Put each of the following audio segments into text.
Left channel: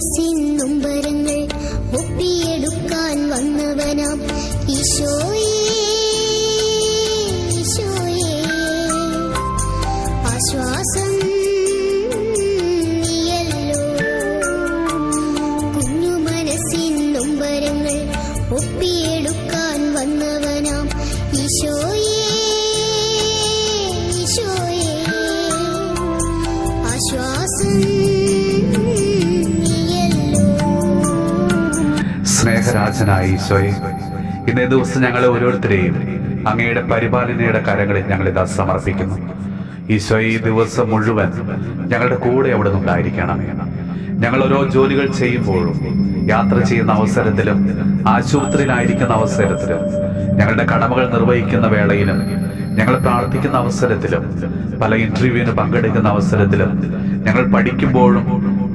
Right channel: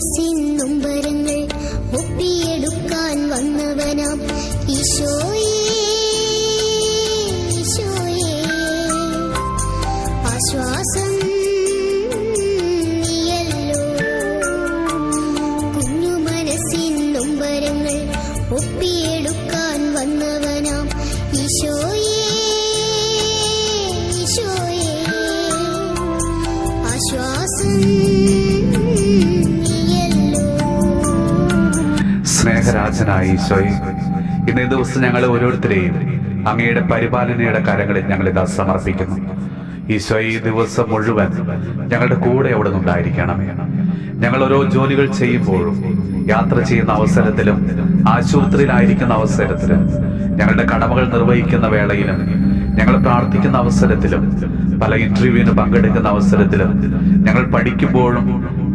മനസ്സിൻ നൊമ്പരങ്ങൾ ഒപ്പിയെടുക്കാൻ വന്നവനാം ഈശോയേ, ഈശോയേ, ആശ്വാസം നീയല്ലോ. കുഞ്ഞു മനസ്സിൻ നൊമ്പരങ്ങൾ ഒപ്പിയെടുക്കാൻ വന്നവനാം ഈശോയേ, ഈശോയേ, ആശ്വാസം നീയല്ലോ. സ്നേഹരാജനായ ഈശോയെ, ഇന്നേ ദിവസം ഞങ്ങളെ ഓരോരുത്തരെയും അങ്ങയുടെ പരിപാലനയുടെ കരങ്ങളിൽ ഞങ്ങളിതാ സമർപ്പിക്കുന്നു. ഈശോയെ, ഈ ദിവസം മുഴുവൻ ഞങ്ങളുടെ കൂടെ അവിടെ നിന്നുണ്ടായിരിക്കണമേ. ഞങ്ങൾ ഓരോ ജോലികൾ ചെയ്യുമ്പോഴും, യാത്ര ചെയ്യുന്ന അവസരത്തിലും, ആശുപത്രിയിലായിരിക്കുന്ന അവസരത്തിലും, ഞങ്ങളുടെ കടമകൾ നിർവഹിക്കുന്ന വേളയിലും, ഞങ്ങൾ പ്രാർത്ഥിക്കുന്ന അവസരത്തിലും, പല ഇന്റർവ്യൂവിന് പങ്കെടുക്കുന്ന അവസരത്തിലും, ഞങ്ങൾ പഠിക്കുമ്പോഴും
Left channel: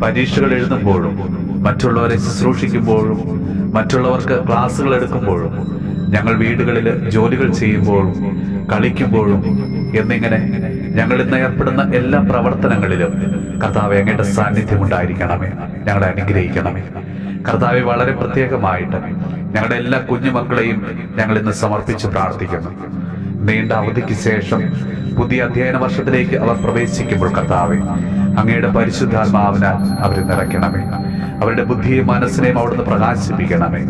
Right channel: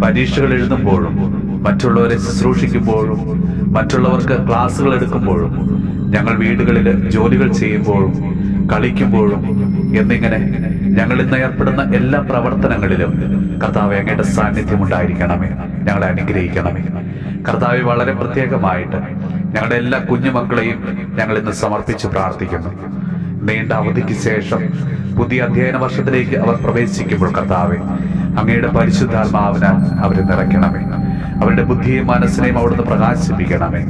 പരീക്ഷകൾ എഴുതുമ്പോഴും, മറ്റുള്ളവരെ ശുശ്രൂഷിക്കുമ്പോഴും, മറ്റുള്ളവർക്ക് ക്ലാസ്സുകൾ എടുക്കുമ്പോഴും, ഞങ്ങൾ വീടുകളിൽ ജോലികൾ ചെയ്യുമ്പോഴും, കളിക്കുമ്പോഴും എന്നിങ്ങനെ ഞങ്ങൾ ഇന്ന് ഏർപ്പെടുന്ന എല്ലാ പ്രവർത്തനങ്ങളിലും കർത്താവെ, അങ്ങയുടെ സാന്നിധ്യം ഉണ്ടായിരിക്കണമേ. ഞങ്ങളെ അനുഗ്രഹിക്കണമേ. കർത്താവെ, വളരെ പ്രത്യേകമായിട്ട് ഞങ്ങളുടെ എല്ലാ കുഞ്ഞുമക്കളെയും ഞങ്ങൾ ഇന്ന് സമർപ്പിച്ച് പ്രാർത്ഥിക്കുന്നു. നീണ്ട അവധിക്ക് ശേഷം പുതിയ അധ്യയന വർഷത്തിലേക്ക് അവർ പ്രവേശിക്കുമ്പോൾ കർത്താവെ, അങ്ങയുടെ പരിശുദ്ധാത്മാവിനാൽ അവരെ നിറയ്ക്കണമേ. അവരുടെ ബുദ്ധിയും മനസ്സിനെയും അവിടുന്ന് പ്രകാശിപ്പിക്കണമേ.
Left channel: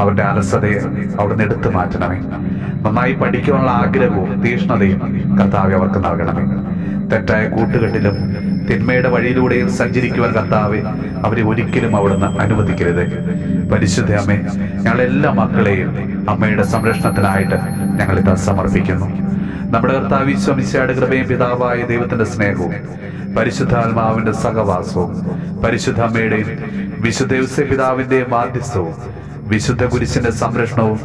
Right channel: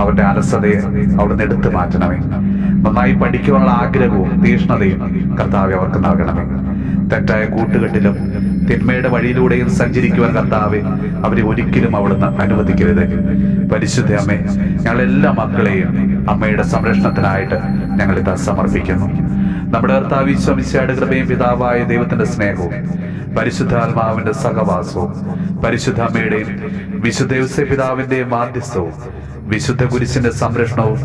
അവരുടെ അലസതയെ അവിടുന്ന് എടുത്തു മാറ്റണമേ. നന്നായി പഠിക്കുവാനുള്ള ആഗ്രഹവും തീഷ്ണതയും കർത്താവെ അവർക്ക് നൽകണമേ. തെറ്റായ കൂട്ടുകെട്ടിലും തിന്മയുടെ വഴിയിലൂടെയും സഞ്ചരിക്കുവാൻ കർത്താവെ അവരെ ഒരിക്കലും അവിടുന്ന് അനുവദിക്കരുത്. പരിശുദ്ധ അമ്മേ, ഞങ്ങളെല്ലാ മക്കളെയും അമ്മയുടെ സംരക്ഷണത്തിനായിട്ട് ഞങ്ങളിതാ സമർപ്പിക്കുന്നു. നമ്മുടെ കർത്താവ് ഈശോ മിശിഹായുടെ കൃപയും പിതാവായ ദൈവത്തിന്റെ സ്നേഹവും പരിശുദ്ധാത്മാവിന്റെ സഹവാസവും പരിശുദ്ധ അമ്മയുടെയും വിശുദ്ധ ഔസേപ്പ് പിതാവിന്റെയും മാധ്യസ്ഥവും വിശുദ്ധ കുരിശിന്റെ സംരക്ഷണവും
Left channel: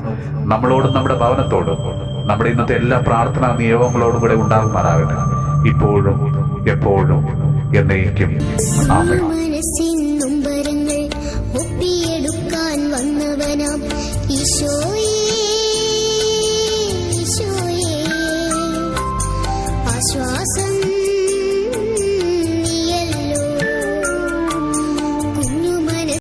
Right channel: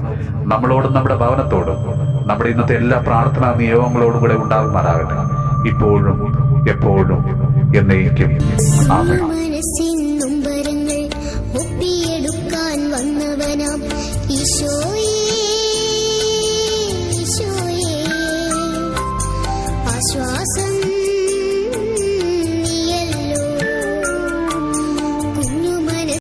നമ്മളോടും നമ്മുടെ ഭവനത്തോടും നമ്മുടെ ഇന്നത്തെ എല്ലാ പ്രാർത്ഥനാ നിയോഗങ്ങളോടും കൂടെ ഉണ്ടാകുമാറാകട്ടെ, ഇപ്പോഴും എപ്പോഴും എന്നേക്കും. ആമേൻ.